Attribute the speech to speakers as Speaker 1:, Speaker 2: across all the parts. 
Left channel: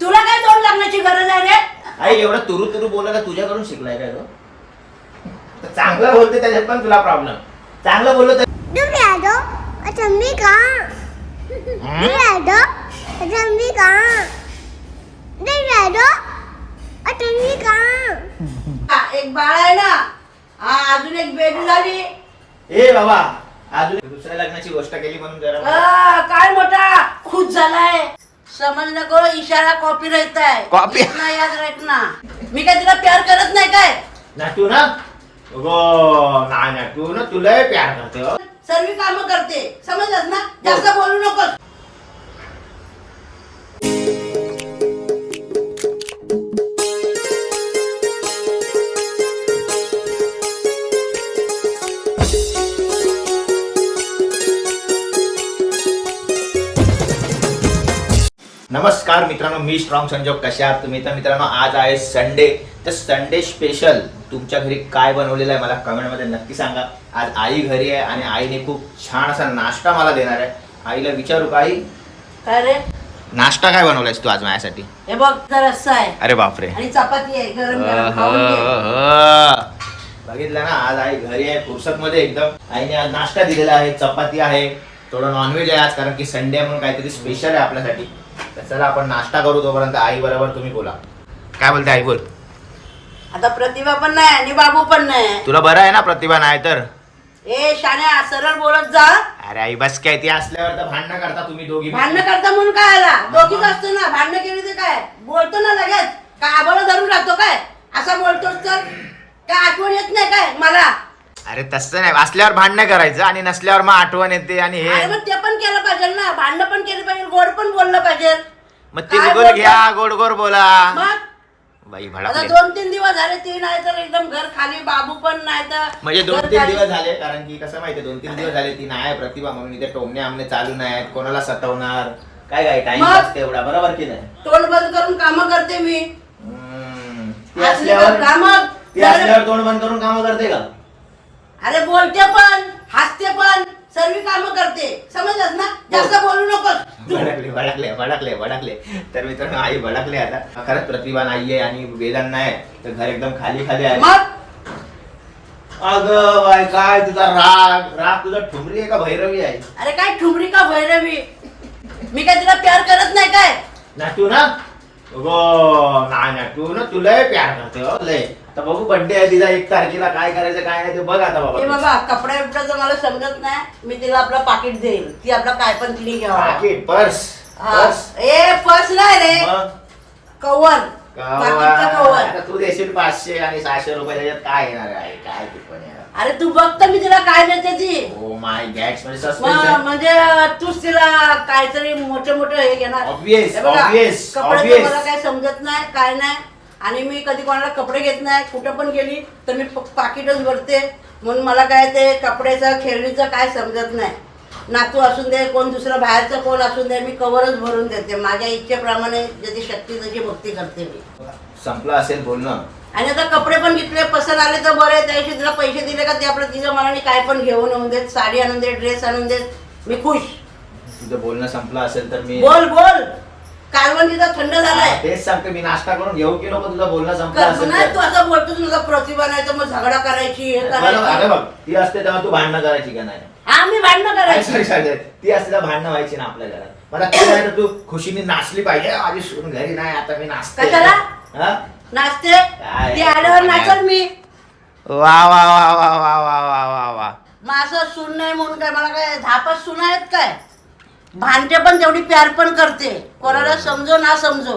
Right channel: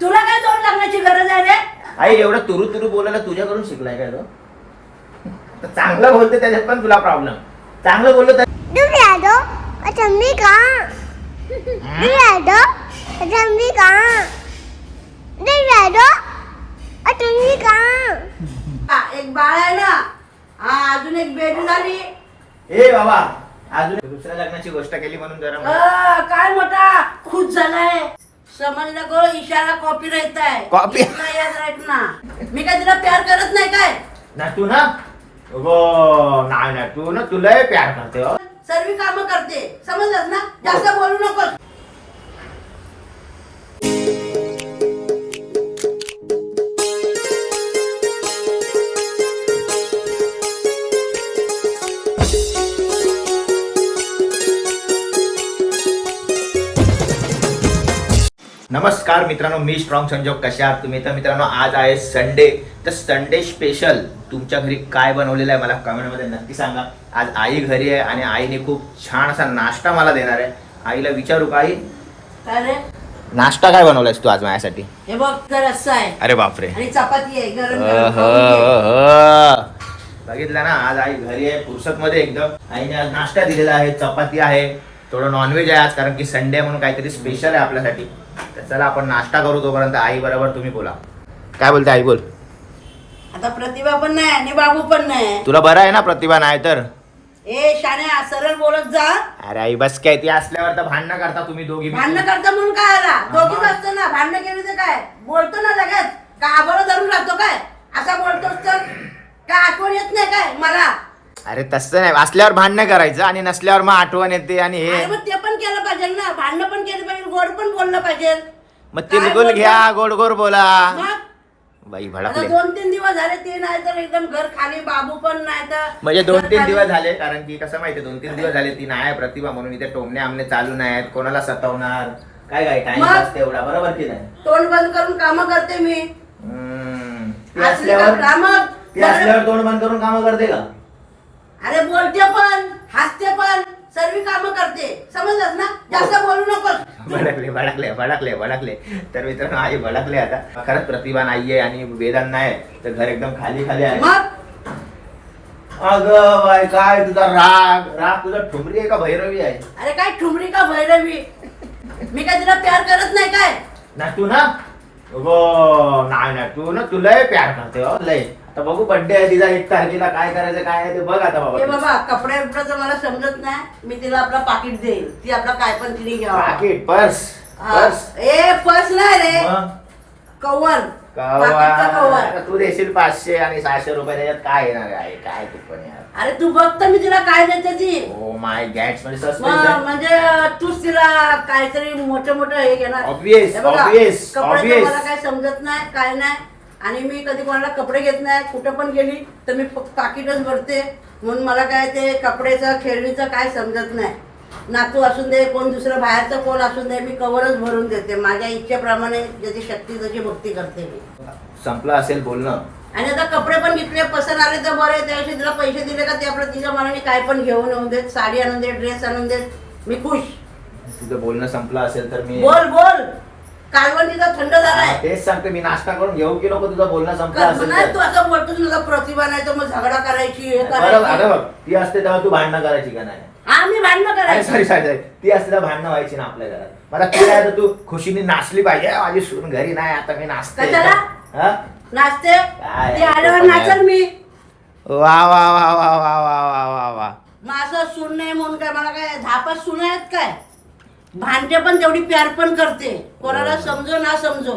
Speaker 1: तुला काय दोन लागण्याची गरज आहे रे?
Speaker 2: आई एवढं तुरु तुरु बोलायला तुझ्याकडून शिकलाय का तर चांगलं बोलते त्याच्यात पण तुला प्रॉब्लेम चांगलं बोललो तर
Speaker 3: Duviado, ada Mika. Duviado, ada Mika. Duviado, ada Mika.
Speaker 1: हा, एक बाळ आहे ना. हा अजून एक बेबी झाली.
Speaker 2: ए बाबा अजून एक दुसऱ्या लग्नाची गोष्ट केली म्हणून जरा मला-
Speaker 1: अ, काय मोठा? खुश झालाय. समज नको इशारा कॉपी राहत आहे.
Speaker 2: Copy?
Speaker 1: इतना याद रखना मी काय तिला प्यार करत नाही काय?
Speaker 2: ना तू ना? हो नाही ना तू ना तुला प्यार करते हो.
Speaker 1: सर्व काम करते. समजलंस ना? जास्त बोलू नको
Speaker 2: नमस्कार मित्रांनो मी स्ट्रॉंग संजोग. कशा आहात तुम्ही? तर मित्रांनो आज आहे संडे तर संडे स्पेशल तुमच्या घरी काय बनवलेलं आहे मला कमेंटमध्ये नक्की सांगा. आज आई घरी आहे आणि आईने खूप छान असा नाश्ता मला देणार आहे. आईला विचारू का आई?
Speaker 1: काय रे
Speaker 2: नाश्ता काय बनवलायस तू आज माझ्यासाठी?
Speaker 1: हे बघ तर रस्सा आहे.
Speaker 2: अरे बापरे.
Speaker 1: आणि चपाती आहे गरम गरम खाऊन घे.
Speaker 2: अह. बघितलं ना आज आई घरी आहे फुर्सत मध्ये एकदम. आईने आज नाश्ता दिलेला आहे चपाती आहे थोडं नॉनव्हेज आहे आज कारण की संडे म्हणून काहीतरी स्पेशल आहे आपल्यासाठी. तर चला आपण नाश्ता करू तोपर्यंत. आई बरोबर तुम्ही बोला. काय बोलते आई बोल.
Speaker 1: आता प्रतिभा पण नाही आणि बाबू पण नाही.
Speaker 2: तुला बरं आहे ना प्रतिभा नाही तर?
Speaker 1: ए शाण्या सरळ बोलत जा.
Speaker 2: अरे आई बस काय ती असल्यावर तर भांडणं करता तुम्ही दोघी
Speaker 1: भांडणं करता म्हणून काय आला? दोघीच असतो ना भांडणं केली तर काय? बोलतो ना लगेच. का आबाला धरून राहतो काय? असा बोलतोस तर? काय आठवण येत नाही काय? मला.
Speaker 2: अरे तसं नाही असल्यावर भांडणं करायचं आणि नसल्यावर मग आठवण येते आणि
Speaker 1: अरे
Speaker 2: हे
Speaker 1: मग ते पण केलं पाहिजे ना भांडणं पण केली पाहिजे गोड पण बोललं पाहिजे.
Speaker 2: मग तिलगुल? घ्या गोड गोड बोला.
Speaker 1: मग?
Speaker 2: बाई
Speaker 1: आता
Speaker 2: भडकले.
Speaker 1: दोन तीन दिवस झाले ते नाही तर एकदम घर खाली बाबू पण नाही तर
Speaker 2: म्हणजे दोन तीन. दिवस झाले कारण की कसं माहितीये दोन तीन दिवस झाले ती नाही आहे प्रतिभा म्हणून इथे टोमणे आमने चालू नाहीत कोणाला सतवणार? काय काय टाइम
Speaker 1: मग?
Speaker 2: तेवढा बरोबर की नाही?
Speaker 1: तोंड बंद करून काम करते मी.
Speaker 2: हम्म. ती
Speaker 1: असली
Speaker 2: असल्यावर
Speaker 1: कामं
Speaker 2: ती असल्यावर तोंड बंद करून कामं करते का?
Speaker 1: अरे बोलते पण हसते पण सर्व काम करते. समजलंस ना? जास्त बोलू नको
Speaker 2: भडकले भडकले भडकले भडकले. तर मित्रांनो आई भडकले आता. खरंच प्रतिभा नाहीये आणि वेदांत नाही तर घर एकदम खाली खाली आहे. अगं बाय काय तुझा राग? राग तुझा ठुमरी आहे का भैरवी आहे?
Speaker 1: अरे काय ठुमरी का भैरवी? मी काय तिला प्यार करत नाही काय?
Speaker 2: ना तू ना? हो नाही ना. तू ना तुला प्यार करते हो लय. आता बघू बर्थडे आहे तिचा एक तारखेला काय करायचं काय नाही ते बघ आता
Speaker 1: हे
Speaker 2: बाबा
Speaker 1: बाबा कपड्या बिपड्याचं मला समजत नाही. मी तिला आपलं पाकिट देईल ती आपला काय पण तिने घ्यावा.
Speaker 2: पाकिट पर्स
Speaker 1: हा.
Speaker 2: पर्स.
Speaker 1: ए पर्स नाही रे.
Speaker 2: मग?
Speaker 1: कवर
Speaker 2: कावा.
Speaker 1: पाकिटचं कवर
Speaker 2: आता तू देशील पाचशे आणि सहाशे रुपये त्याच्यात काय येणार आहे? काय ते पण यार
Speaker 1: अरे तू बघ तर मी तिला काय देते ती.
Speaker 2: ओ माय गॅट्स म्हणजे
Speaker 1: मग
Speaker 2: सस्पेन्स
Speaker 1: म्हणजे तूच तिला काहीतरी मोठं मोठं हे घेणार.
Speaker 2: Obvious,
Speaker 1: हे बघा,
Speaker 2: obvious,
Speaker 1: कपड्याचं
Speaker 2: obvious.
Speaker 1: मला काय समजत नाही काय नाही. आणि मी कधी कोणाला कपडे घेत नाही कुठं पण गेली तर मी पाकिटच भरते. म्हणून मला काय ते कपड्याचं खेळणीचं काय समजत नाही. नातू असून दे कोण दुसरं बाहेरचं कोण असून दे मी कवरच भरून देते. माझ्या इच्छेप्रमाणे ज्याची शक्ती त्याची भक्ती करते मी.
Speaker 2: संपलं असेल बोलणं.
Speaker 1: आणि आता कपडे पण घेतले पसंत आले तर बरं आहे. त्या दिवशी तिला पैसे दिले का ते आपलं तिच्या मनाने काय पण घेऊन येऊन देत साडी आणून देत ड्रेस आणून देत. मी खुश.
Speaker 2: तुझं बोलणं संपलं असेल तर मी
Speaker 1: बोल बोल. कालवण तिचा थंड झालाय.
Speaker 2: तेच सांगते मी नाश्ता करून घेऊ की नको तुझं बोलणं संपलं
Speaker 1: का
Speaker 2: असेल
Speaker 1: नाही तू असं बोलतोस मला प्रतिभा नाही तर मग झगडा करायची हे
Speaker 2: बरं अरे
Speaker 1: करायची
Speaker 2: बघ ती असते तेव्हा तू भांडणं करायची का नाही?
Speaker 1: हा मी भांडणं करायची.
Speaker 2: सॉरी सॉरी ती असते तेव्हा भांडणं व्हायची ना आपल्या घरात. मला ती तर तू खुशीने नाचली पाहिजे. "अ, माझी सून घरी नाही आता मी नाचते
Speaker 1: कशाला?
Speaker 2: हा?
Speaker 1: नाचते?
Speaker 2: काय?
Speaker 1: ती आल्यावर
Speaker 2: आहे.
Speaker 1: नाचल मी.
Speaker 2: वा वा वा वा वा वा वा वा वा.
Speaker 1: मग असं सून नाही म्हणून काय मला काय धापच सून आहेत काय? भांडते पण तेवढी प्यार पण करते. कोणाला समजो ना समजो.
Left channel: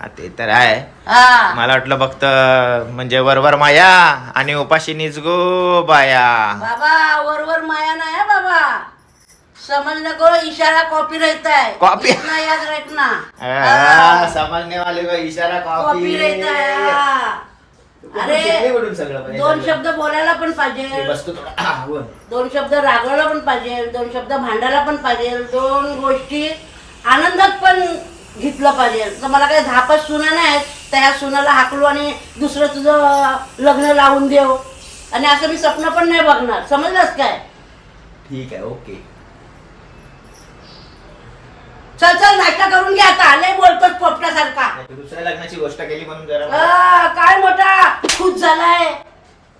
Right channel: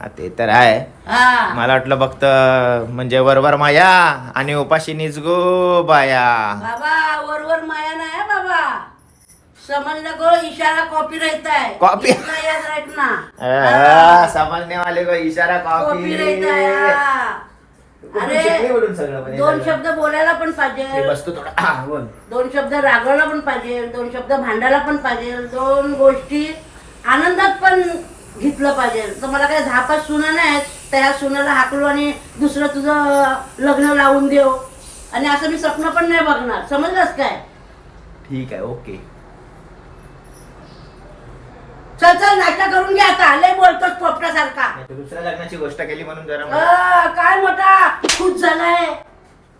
Speaker 2: हा, ते तर आहे.
Speaker 1: हा.
Speaker 2: मला वाटलं फक्त म्हणजे वरवर माया आणि उपाशी निजगो बाया.
Speaker 1: बाबा वरवर माया नाही हं बाबा. समज नको इशारा कॉपी रहता है
Speaker 2: Copy?
Speaker 1: इतना याद रखना
Speaker 2: समजने वाले को इशारा
Speaker 1: कॉपी
Speaker 2: कॉपी
Speaker 1: रहता है हा.
Speaker 2: अरे हे
Speaker 1: दोन? शब्द बोलायला पण पाहिजे.
Speaker 2: बसतो थोडा बोल.
Speaker 1: दोन शब्द रागवायला पण पाहिजे दोन शब्द भांडायला पण पाहिजे दोन गोष्टी आनंदात पण घेतलं पाहिजे. तर मला काही धापात सुना नाहीत तर ह्या सुनाला हाकलू आणि दुसरं तुझं लग्न लावून देऊ. आणि असं मी स्वप्न पण नाही बघणार. समजलंस काय?
Speaker 2: ठीक आहे ओके.
Speaker 1: चल चल नाश्ता करून घ्या आता. लय बोलतोस पोपटासारखा.
Speaker 2: दुसऱ्या लग्नाची गोष्ट केली म्हणून जरा मला
Speaker 1: अ, काय मोठा? खुश झालाय.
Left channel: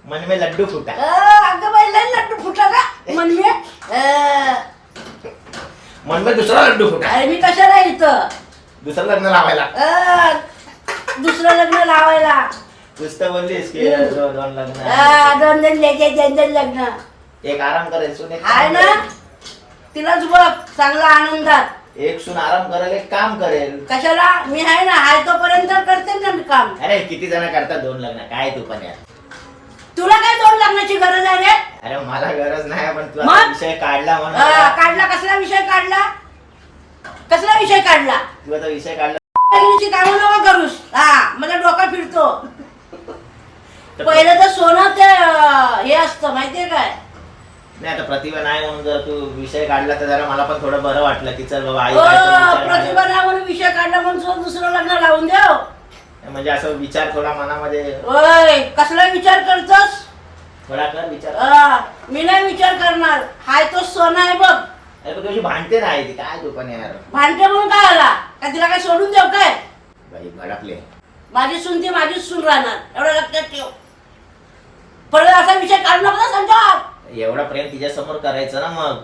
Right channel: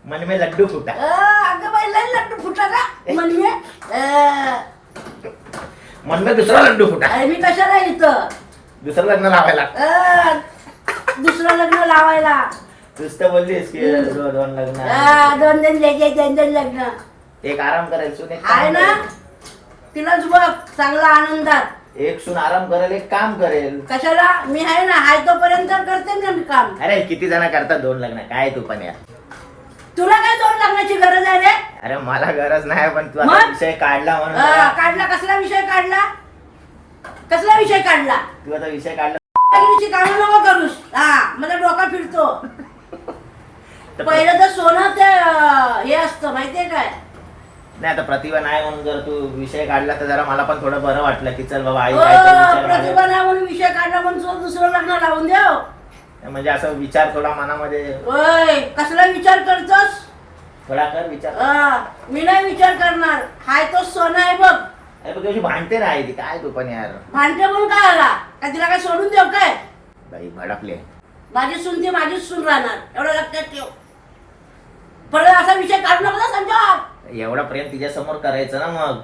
Speaker 2: मन में लड्डू फुटा.
Speaker 1: अ, अगं बाई लय लड्डू फुटा का? म्हणजे अ,
Speaker 2: मन में दुसरा लड्डू फुटा.
Speaker 1: अरे मी कशाला इथं?
Speaker 2: दुसरं लग्न लावायला.
Speaker 1: अ, दुसरं लग्न लावायला.
Speaker 2: नुसतं बोललीस की दोन दोन लग्न
Speaker 1: अ, दोन दोन लगे दोन दोन लग्न.
Speaker 2: एक आराम करेल सून एक
Speaker 1: आहे
Speaker 2: काम
Speaker 1: ना?
Speaker 2: करेल.
Speaker 1: तिलाच बघ चांगला आनंदात
Speaker 2: एक सून आराम करेल एक काम करेल.
Speaker 1: कशाला? मी आहे ना हाय तोपर्यंत करते ना मी काम.
Speaker 2: अरे किती जण करतात दोन लग्न? काय तू पण यार.
Speaker 1: तुला काय दोन लग्नाची गरज आहे रे?
Speaker 2: अरे मला गरज नाही पण तू आता
Speaker 1: मग?
Speaker 2: विषय काढला म्हणून.
Speaker 1: अ, काढला कसला विषय काढला? कसला विषय काढला?
Speaker 2: तू आता विषय काढला.
Speaker 1: लग्नाची कामं नको करूस. हा मला डोका फिरतो. पहिलं तर सोनं ते अ, हे असतं माहितीये काय?
Speaker 2: नाही आता प्रतिभा नाही म्हणून जर तू विषय काढला तर जरा मला पण थोडं बरं वाटलं की चल बाबा आई
Speaker 1: अ,
Speaker 2: काहीतरी विचार
Speaker 1: प्रतिभा. नाही म्हणून विषय काढला म्हणून दुसरं लग्न लावून देव
Speaker 2: म्हणजे असं विचार थोडा मनामध्ये
Speaker 1: ओय कसला विचार करतोस?
Speaker 2: थोडा कर विचार.
Speaker 1: मी नाही विचार करणार. हाय तो सोनं आहे बघ.
Speaker 2: अरे पण तुझी भांडते नाही ती. काय तू पण यार.
Speaker 1: भांडते म्हणून काय आला? का तिला काय सोडून देऊ काय?
Speaker 2: बाई भडकले
Speaker 1: माझी सून ती माझीच सून राहणार. एवढं लक्षात ठेव. परत असा विषय काढू नको ना संजय.
Speaker 2: एवढा प्रेम तिच्या समोर करायचं ना मग.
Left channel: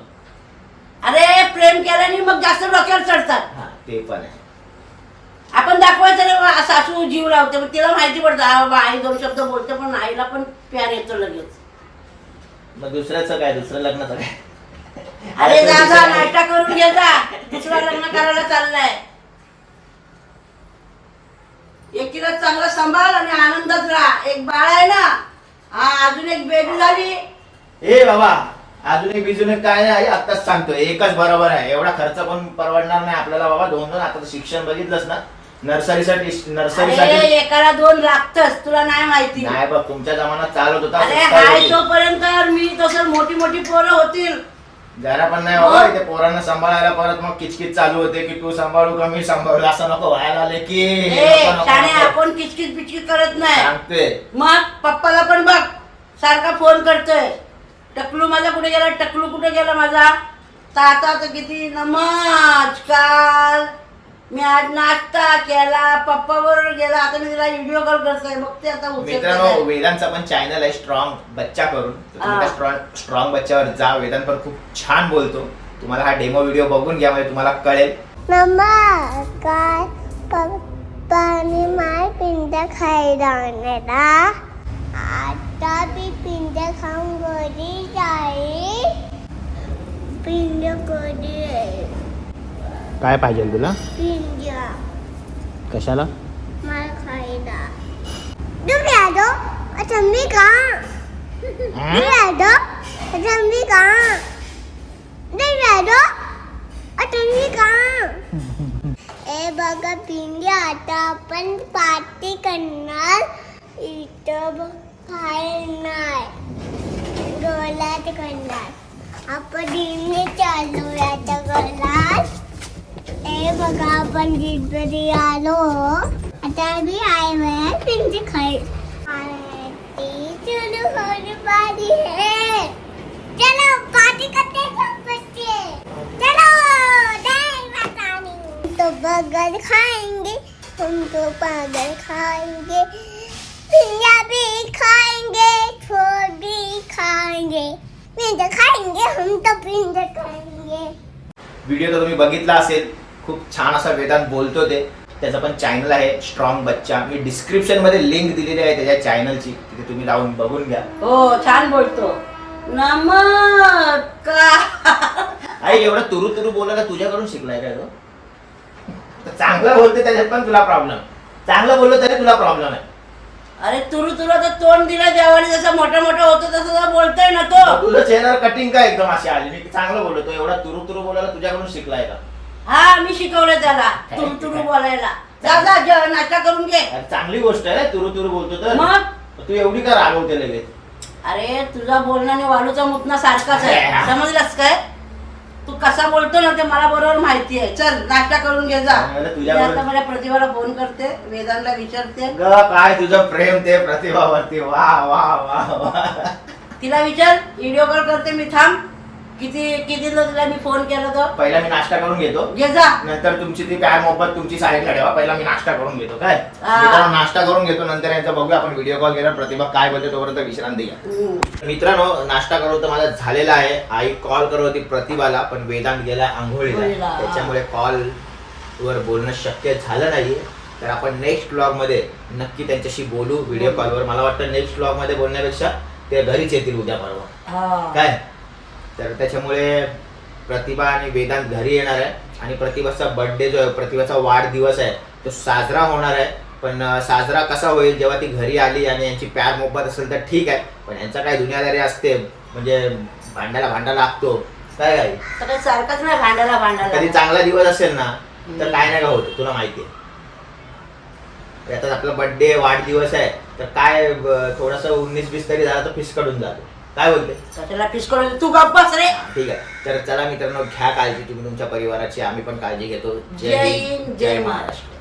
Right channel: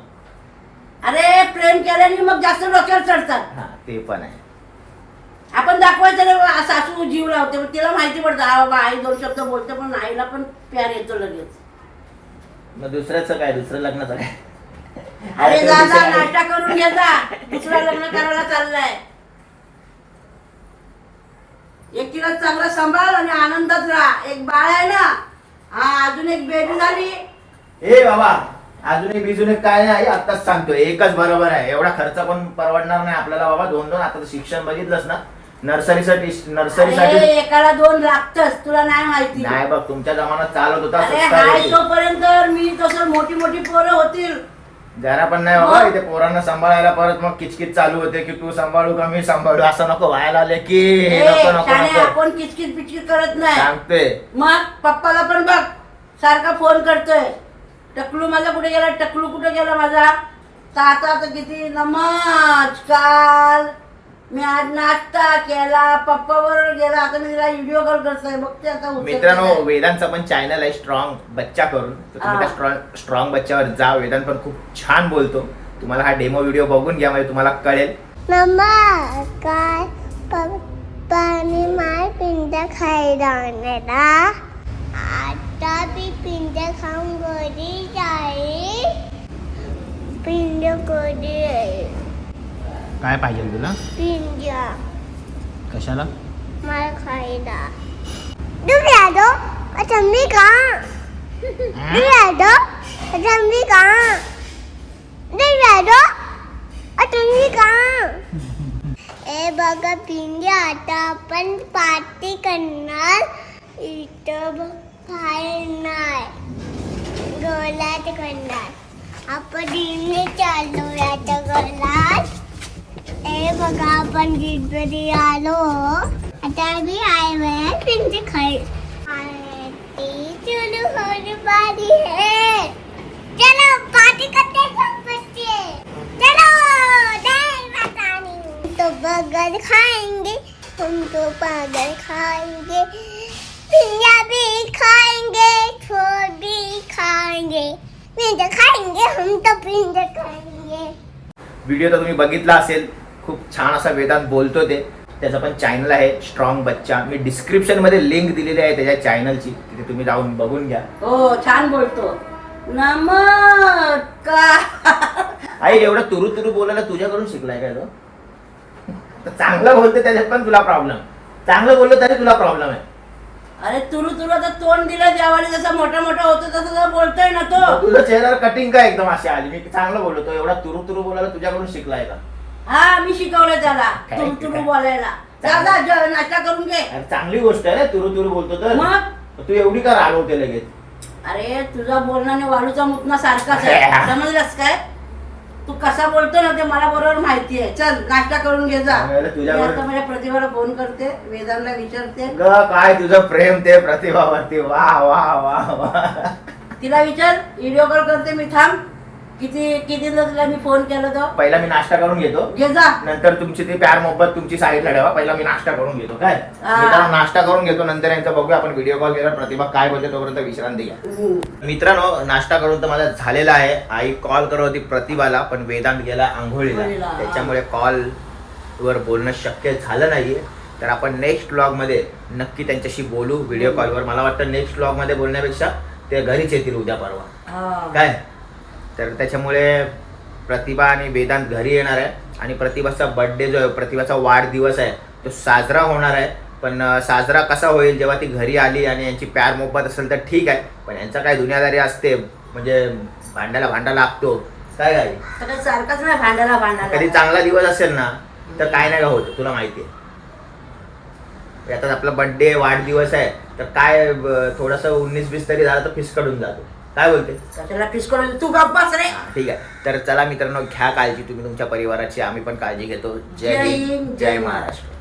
Speaker 1: अरे प्रेम केल्याने मग जास्त डोक्यावर चढतात.
Speaker 2: हा ते पण आहे.
Speaker 1: आपण दाखवायचं रे बा, सासू जीव लावते. मग तिला माहिती पडतं हा बाबा आई दोन शब्द बोलते पण आईला पण प्यार येतो लगेच.
Speaker 2: मग दुसऱ्याचं काय? दुसरं लग्नाचं काय?
Speaker 1: अरे
Speaker 2: तो
Speaker 1: जा जा
Speaker 2: दुसरा-
Speaker 1: नाश्ता करून घे जा. दुसरं लग्न करायला चाललाय. एकीला चांगला सांभाळ आणि आनंदात राहा. एक बाळ आहे ना हा अजून एक बेबी झाली.
Speaker 2: ए बाबा अजून एक बिजून काय आहे आत्ताच सांगतोय एकच बरोबर आहे. एवढा खर्च पण परवडणार नाही आपल्याला बाबा. दोन दोन आता शिक्षण बघितलंस ना? नर्सरीसाठी नर्सरीसाठी
Speaker 1: एकाला दोन लागतच. तुला नाही माहिती.
Speaker 2: नाही बघ तुमच्या जमान्यात चालत होता
Speaker 1: अरे
Speaker 2: स्वस्ता
Speaker 1: हाय
Speaker 2: होती.
Speaker 1: तोपर्यंत मी तसं मोठी मोठी पोरं होतील.
Speaker 2: जरा पण नाही बाबा
Speaker 1: मग?
Speaker 2: इथे पोरांना सांभाळायला परत मग किचकिच चालू होते की तू सांभाळू का मी सांभाळू? असं नको व्हायला आले की
Speaker 1: ए,
Speaker 2: नको नको
Speaker 1: शाणे,
Speaker 2: नको.
Speaker 1: आपण किचकिच बिचकिच करत नाही.
Speaker 2: सांगते.
Speaker 1: मग पप्पाला पण बघ. सारखा फोन करतोय. टकलू माझा कुठे गेला? टकलू कुठे गेला माझा? तर आता तर किती नमस्कार मी आज नाश्ता केला पप्पा बरोबर गेला. आता मी तिला व्हिडिओ कॉल करतोय बघते आता उचलते
Speaker 2: मित्रांनो. वेदांचा पण चॅनल आहे स्ट्रॉंग बच्चा करून. तर तुम्ही
Speaker 1: हा.
Speaker 2: त्या स्ट्रॉंग स्ट्रॉंग बच्च्यावर जा. वेदांत पण खूप छान बोलतो. तुम्हाला हा डेमो व्हिडिओ बघून घ्या म्हणजे तुम्हाला कळेल.
Speaker 3: मम्मा काय पप्पाने माय पिंड खायला आणला आता मी पिंड खाऊन घरी जाईल. पिंड कधी येईल?
Speaker 2: काय पाहिजे तुला?
Speaker 3: पिंड.
Speaker 2: कशाला?
Speaker 3: माय खायला. तुम्ही आलो अच्छा मी का तुम्ही आलो अच्छा मी का तुम्ही आलो अच्छा मी का ए बघा पिंडी आता आपण पार्टी करणार. इथं बघ नाही. गोलात करणार आपण दिने चालू आता गोलात ए बघा आपण गणपती आलो. आता मी आय वेळ पिंडी खाई. चलो होने वाली है चलो पार्टी करते चलो तो बर्गर खाएंगे हम तो बर्गर खाएंगे पिज्जा भी खाएंगे छोड़ भी खाएंगे पिज्जा खाएंगे हम तो पिज्जा खाएंगे
Speaker 2: व्हिडिओ तर तुम्ही बघितला असेल. खूप छान असा वेदांत बोलतो ते. त्याचं पण चॅनल आहे स्ट्रॉंग बच्चा मी डिस्क्रिप्शनमध्ये लिंक दिलेली आहे त्याच्या चॅनलची तिथे तुम्ही जाऊन बघून घ्या.
Speaker 1: हो छान बोलतो. नमस्कार.
Speaker 2: आई एवढं तुरु तुरु बोलायला तुझ्याकडून शिकलाय का तो तर चांगलं बोलते त्याच्यात पण तुला प्रॉब्लेम चांगलं बोललं तरी तुला प्रॉब्लेम आहे.
Speaker 1: अरे तुरु तुला तर तोंड दिलं देवाने जसं मोठं मोठं होतं तसं तर बोलतोय ना तो.
Speaker 2: तुझं चेहऱ्यावर कटिंग काय एकदम अशी आली? मी चांगलं बोललो तो एवढा तुरु तुरु बोलायला तुझ्याकडून शिकलाय का?
Speaker 1: हा मी शिकवलं त्याला
Speaker 2: काय
Speaker 1: तुरु तुरु
Speaker 2: काय?
Speaker 1: बोलायला. जा जा जेव- नाश्ता करून घे.
Speaker 2: अरे चांगली गोष्ट आहे ना तुरु तुरु बोलतो तर.
Speaker 1: मग?
Speaker 2: तू एवढी का रागवते लगेच?
Speaker 1: अरे तुझा बोलण्याने वालूचा मुतना सारखाच आहे. समजलास काय? तू कसा बोलतो ना ते मला बरोबर माहिती आहे. चल नाश्ता करून घे जा.
Speaker 2: अरे
Speaker 1: मी
Speaker 2: तुझ्यावर-
Speaker 1: आता माझ्या प्रतिभाला फोन करते वेदांना विचारते.
Speaker 2: ग काय तुझं प्रेम ते प्रतिभावरती? वा वा वा वा.
Speaker 1: तिला विचार व्हिडिओ कॉल करते मी थांब. किती कितीला तुला मी फोन केला तो?
Speaker 2: पहिला मी नाश्ता करून घेतो.
Speaker 1: घे जा.
Speaker 2: नंतर तुमची ती प्यार मोहब्बत तुमची साईडला ठेवा. पहिला मी नाश्ता करून घेतो. काय?
Speaker 1: हा.
Speaker 2: मित्रांनो नाश्ता करून घेतो नंतर यांचं बघूया आपण व्हिडिओ कॉल केला प्रतिभा काय बोलते तोपर्यंत विश्रांती घ्या. मित्रांनो नाश्ता करून तर माझा झालेला आहे. आई कॉल करत होती प्रतिभाला पण वेदांत गेला आंघोळीला.
Speaker 1: आंघोळीला.
Speaker 2: त्याच्यामुळे कॉल वर बोलणं शक्य झालं नाहीये. तर आपण नेक्स्ट ब्लॉगमध्ये नक्की त्यांच्याशी बोलू. व्हिडिओ कॉलवर मला वाटतं नेक्स्ट ब्लॉगमध्ये बोलण्यापेक्षा ते घरीच येतील उद्या परवा.
Speaker 1: हा.
Speaker 2: काय? तर त्याच्यामुळे प्रतिभा आणि वेदांत घरी येणार आहे. आणि प्रतिभाचा बर्थडे जो आहे प्रतिभाचा वाढदिवस आहे तो साजरा होणार आहे. पण साजरा कसा होईल जेव्हा ती घरी आली आणि यांची प्यार मोहब्बत असेल तर ठीक आहे. पण यांचा काय दुनियादारी असते म्हणजे भांड्याला भांडा लागतो. काय काय
Speaker 1: सारखंच नाही भांडायला
Speaker 2: कधी
Speaker 1: भांडायला
Speaker 2: चांगला दिवस असेल ना तर काय नाही का होत तुला माहिती आहे. आता आपला बर्थडे वाढदिवस आहे तर काय थोडंसं उन्नीस बीस तरी झालं तर फिसकडून जातो. काय बोलते?
Speaker 1: त्याला पिस करून तू गप्प बस रे.
Speaker 2: ठीक आहे. तर चला मित्रांनो घ्या काळजी तुम्ही तुमच्या परिवाराची आम्ही पण काळजी घेतो. जय हिंद जय महाराष्ट्र.